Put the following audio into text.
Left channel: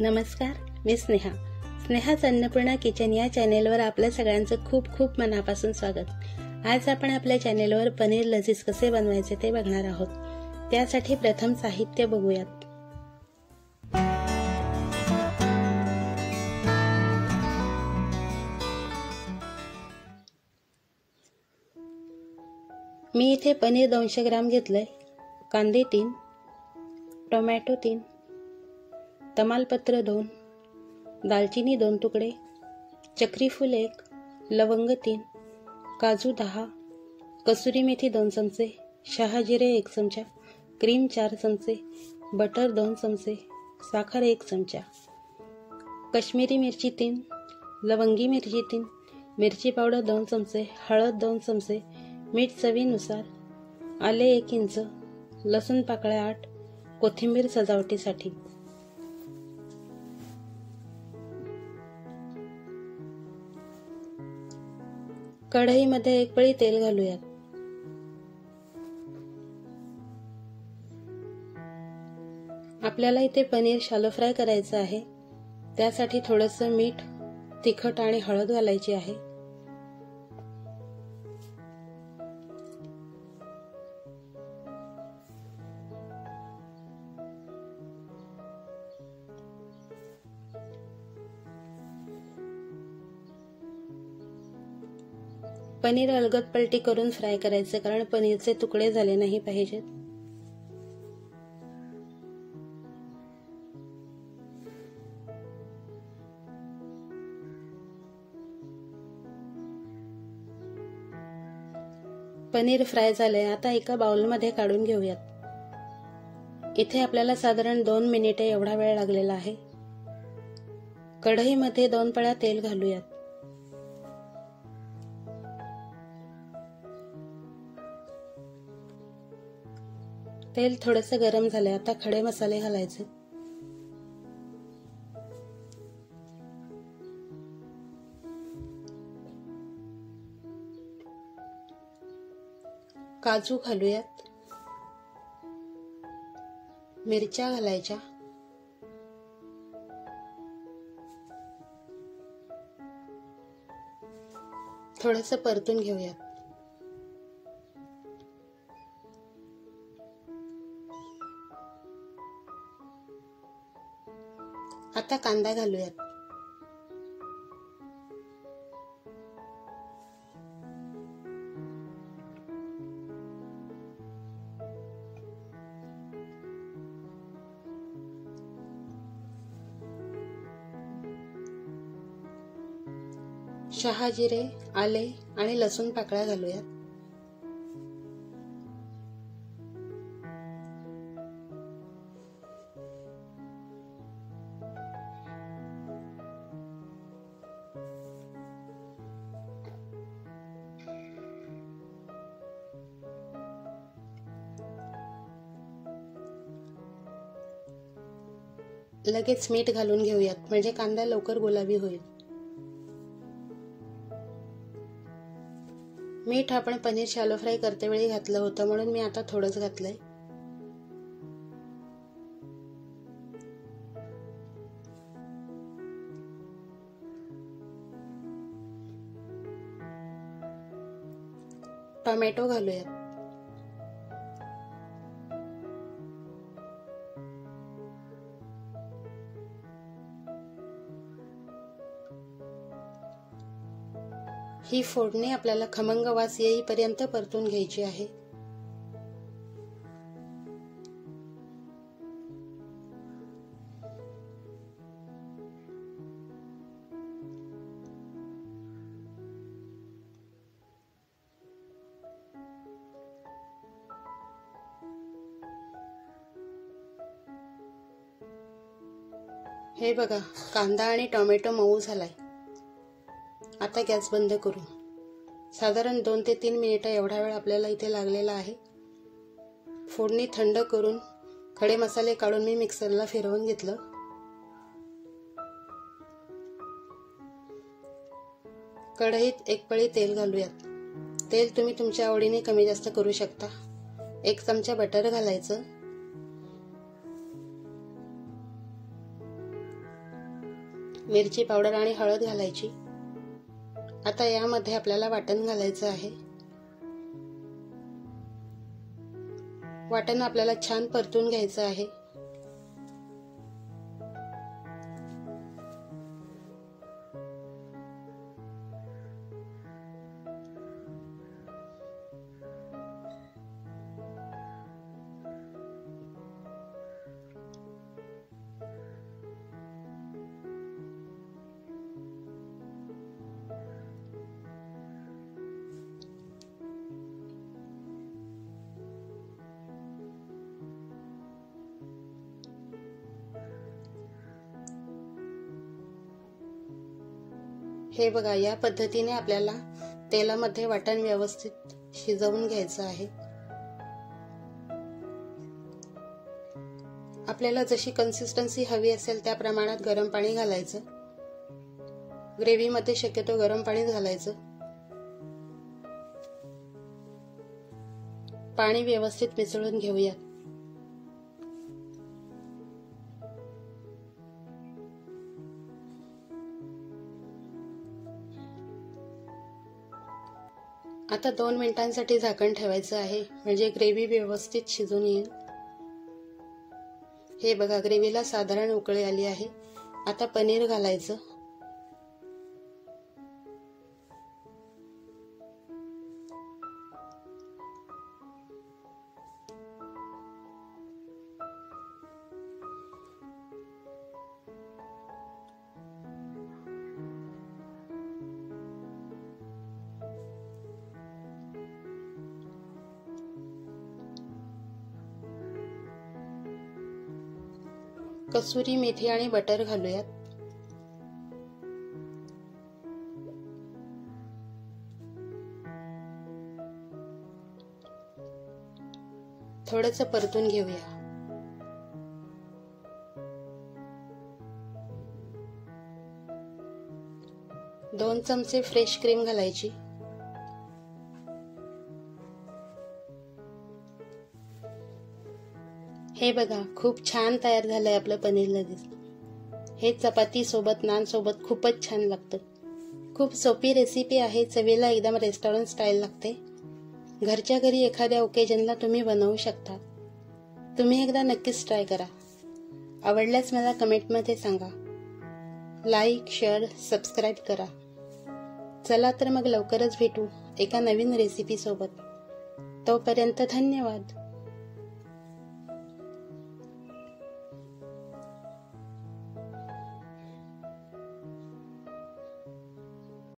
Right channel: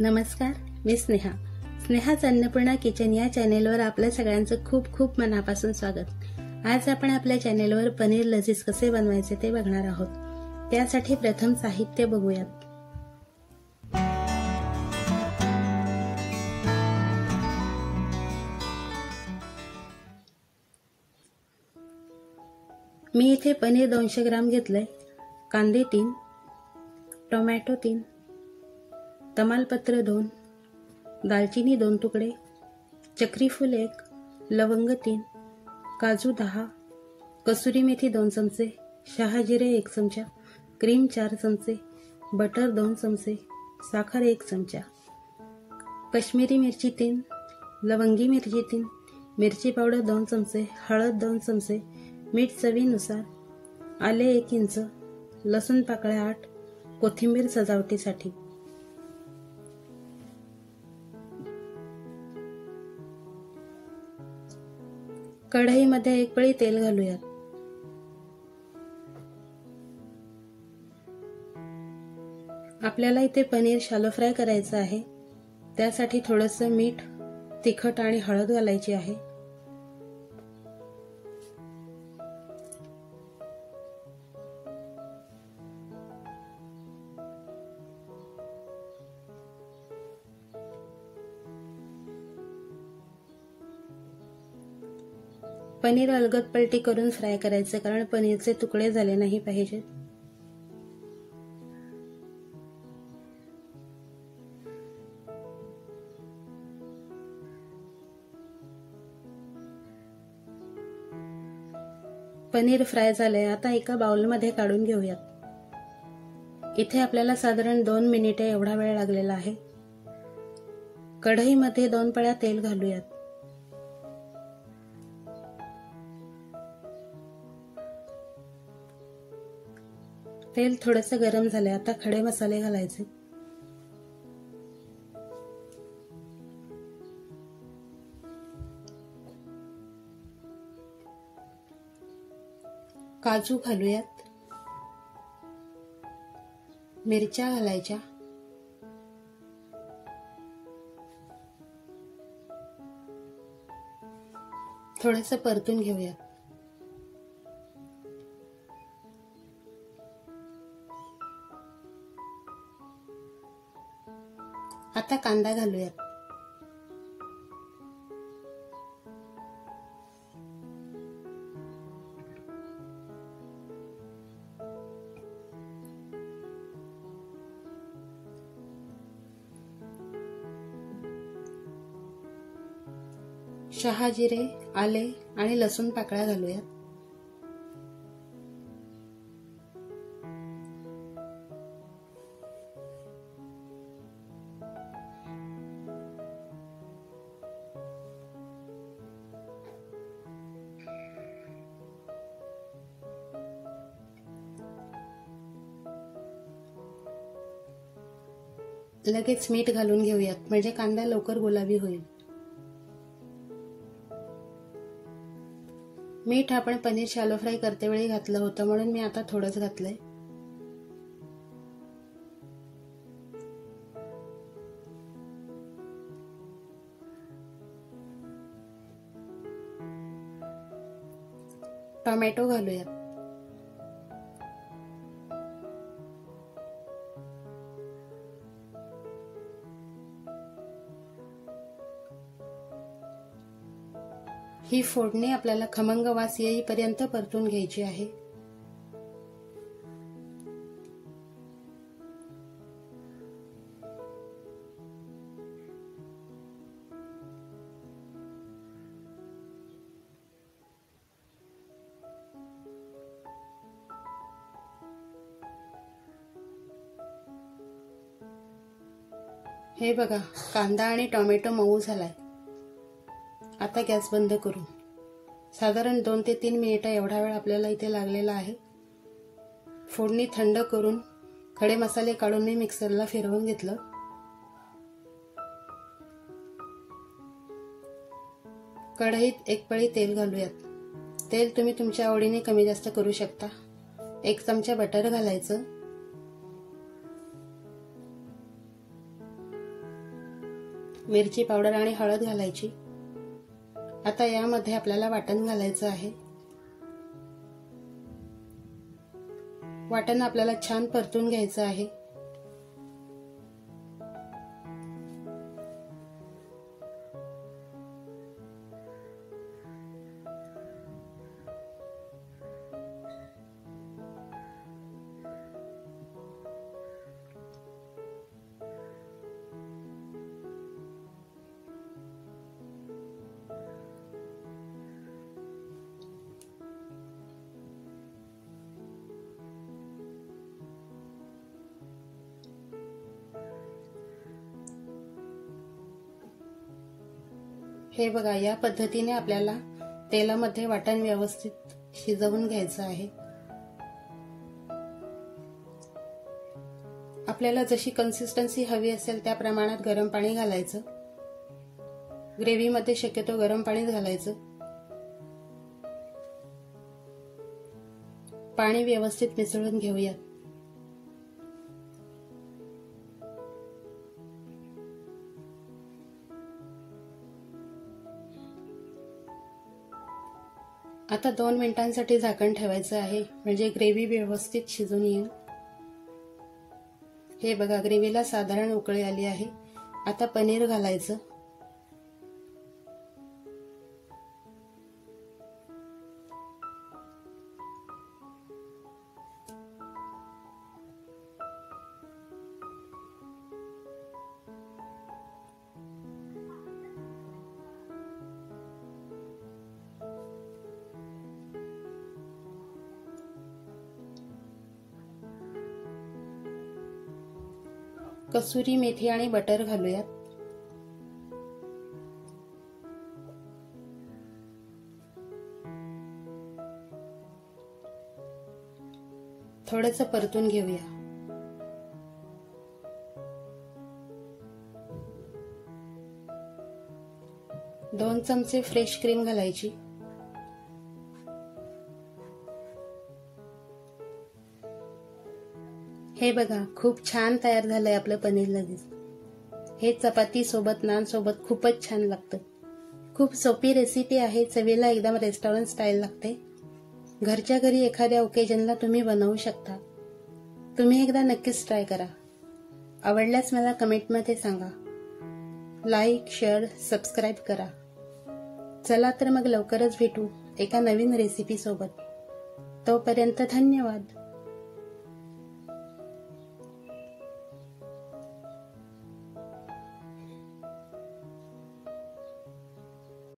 नमस्कार, मी स्नेहाच अन्नपूर्णा किचन या चॅनेलवर आपल्या सगळ्यांचं खूप खूप मनापासून स्वागत। आज आपण आपल्या चॅनेलवर पनीर लजीज कसे बनवायचे ते बघणार आहोत। त्यासाठी प्रथम साहित्य बघूयात। मी इथे पनीर 200 ग्राम घेतलंय, कांदे 3, टोमॅटो 3, तमालपत्र 2, दालचिनी 2 तुकडे, चक्री फूल 1, लवंग 3, काजू 10, कसुरी मेथी 2 चमचे, शहाजिरे 1 चमचा, क्रीम 4 चमचे, बटर 2 चमचे, साखर 1 चमचा, कश्मीरी मिरची 3, लवंगी मिरची 3, मिरची पावडर 2 चमचे, हळद 2 चमचे, मीठ चवीनुसार, आले 1 इंच, लसूण पाकळ्या 8, कोथिंबीर सजावटीसाठी। कढईमध्ये 1 पळी तेल घालूयात। आपल्याला इथे पनीर शॅलो फ्राय करायचं आहे, त्यासाठी थोडंसं मीठ, तिखट आणि हळद घालायची आहे। पनीर अलगद पलटी करून फ्राय करायचे, कारण पनीरचे तुकडे झाले नाही पाहिजेत। पनीर फ्राय झाले, आता एका बाउलमध्ये काढून घेऊयात। इथे आपल्याला साधारण 2 मिनिटे एवढा वेळ लागलेला आहे। कढईमध्ये 2 पळ्या तेल घालूयात। तेल थोडेसे गरम झाले, आता खडे मसाले घालायचे। काजू घालूयात, मिरच्या घालायच्या, थोडंसं परतून घेऊयात। आता कांदा घालूयात। शहाजिरे, आले आणि लसूण पाकळ्या घालूयात। लगेच मीठ घालून घेऊयात, म्हणजे कांदा लवकर गुलाबी होईल। मीठ आपण पनीर शॅलो फ्राय करते वेळी घातलं होतं, म्हणून मी आता थोडंच घातलंय। टोमॅटो घालूयात। ही फोडणी आपल्याला खमंग वास येईपर्यंत परतून घ्यायची आहे। हे बघा, कांदा आणि टोमॅटो मऊ झालाय। आता गॅस बंद करू। साधारण 2 ते 3 मिनिटं एवढा वेळ आपल्याला इथे लागलेला आहे। फोडणी थंड करून खडे मसाले काढून मी मिक्सरला फिरवून घेतलं। कढईत 1 पळी तेल घालूयात। तेल तुम्ही तुमच्या आवडीने कमी जास्त करू शकता। 1 चमचा बटर घालायचं, मिरची पावडर आणि हळद घालायची। आता यामध्ये आपल्याला वाटण घालायचं आहे। वाटण आपल्याला छान परतून घ्यायचं आहे। हे बघा, या पद्धतीने आपल्याला तेलामध्ये वाटण व्यवस्थित शिजवून घ्यायचं आहे। आपल्याला जशी कन्सिस्टन्सी हवी असेल त्या प्रमाणात गरम पाणी घालायचं। ग्रेव्हीमध्ये शक्यतो गरम पाणी घालायचं। पाणी व्यवस्थित मिसळून घेऊया। आता 2 मिनिटांसाठी झाकण ठेवायचं आहे, म्हणजे ग्रेव्ही व्यवस्थित शिजून येईल। हे बघा, ग्रेव्हीला साधारण उकळी आली आहे। आता पनीर घालायचं। कसुरी मेथी आणि बटर घालूयात। थोडंसं परतून घेऊया। दोन चमचे फ्रेश क्रीम घालायची। हे बघा, खूप छान तयार झालंय आपलं पनीर लजीज। हे चपाती सोबत, नान सोबत खूपच छान लागतं। खूप सोपी रेसिपी आहे, चवीला एकदम रेस्टॉरंट स्टाईल लागते। घरच्या घरी एखाद्या ओकेजनला तुम्ही बनवू शकता। तुम्ही एकदा नक्कीच ट्राय करा। आवडल्यास मला कमेंटमध्ये सांगा। लाईक, शेअर, सबस्क्राईब करा। चला तर मग लवकरच भेटू एका नवीन रेसिपी सोबत। तोपर्यंत धन्यवाद।